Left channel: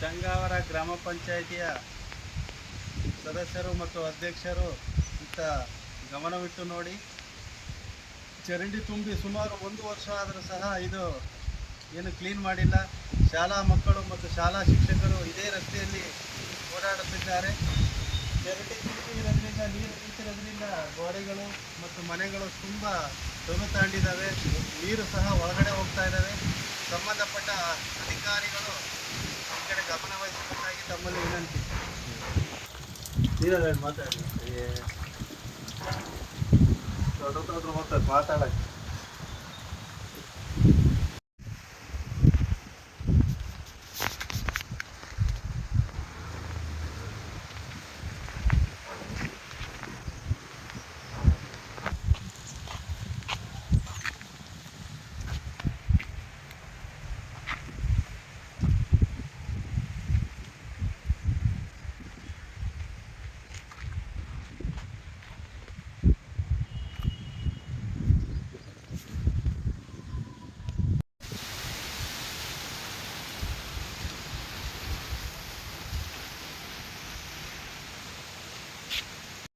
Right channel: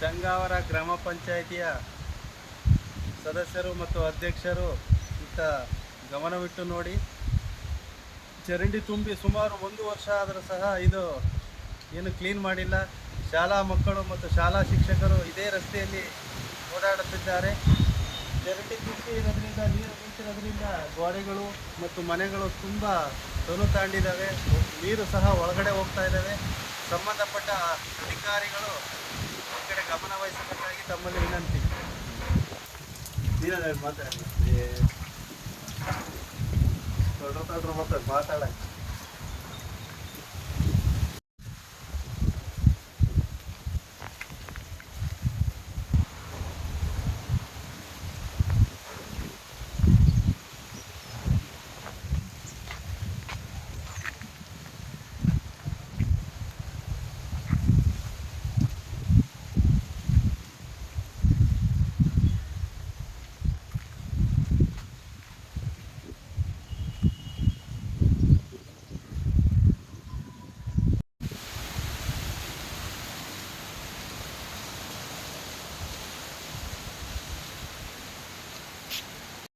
ಚಂಗಾವರ ಗ್ರಾಮ ಪಂಚಾಯಿತಿಯ ಸದಸ್ಯರು ಮತ್ತು ಅಧ್ಯಕ್ಷರು ಇತ್ತ ಗಮನವಿಟ್ಟು ನೋಡಿ. ಚರಂಡಿ ತುಂಬಿ ಸುಮಾರು 1 ವರ್ಷ ಆದರೂ ಸಹ ಇದು ಏನು ಕ್ಲೀನ್ ಮಾಡಿಲ್ಲ. ಶಾಲಾ ಮಕ್ಕಳು ಮತ್ತು ಶಾಲಾ ಶಿಕ್ಷಕರು ಇದೇ ರಸ್ತೆಯಲ್ಲಿ ಓಡಾಡುತ್ತಿದ್ದಾರೆ. ಚರಂಡಿ ತುಂಬಿ ಇರೋದ್ರಿಂದ, ನೀರು ನಿಂತಿರೋದ್ರಿಂದ ಗೋಡೆಗಳು ಮತ್ತು ಮನೆಗಳು ತುಂಬ ತೊನು ತಾಂಡಿದ್ದಾವೆ. ನೀರು ಸಹ ಒಳಗಡೆ ಹೋಗ್ತಾ ಇದ್ದಾವೆ. ಸಂಬಂಧಪಟ್ಟ ಅಧಿಕಾರಿಗಳು ಈ ಕಡೆ ಗಮನ ವಹಿಸಬೇಕಾಗಿ ತಮ್ಮಲ್ಲಿ ವಿನಂತಿ. ಮಾತಾಡಲ್ಲ ಮಾತಾಡಲ್ಲ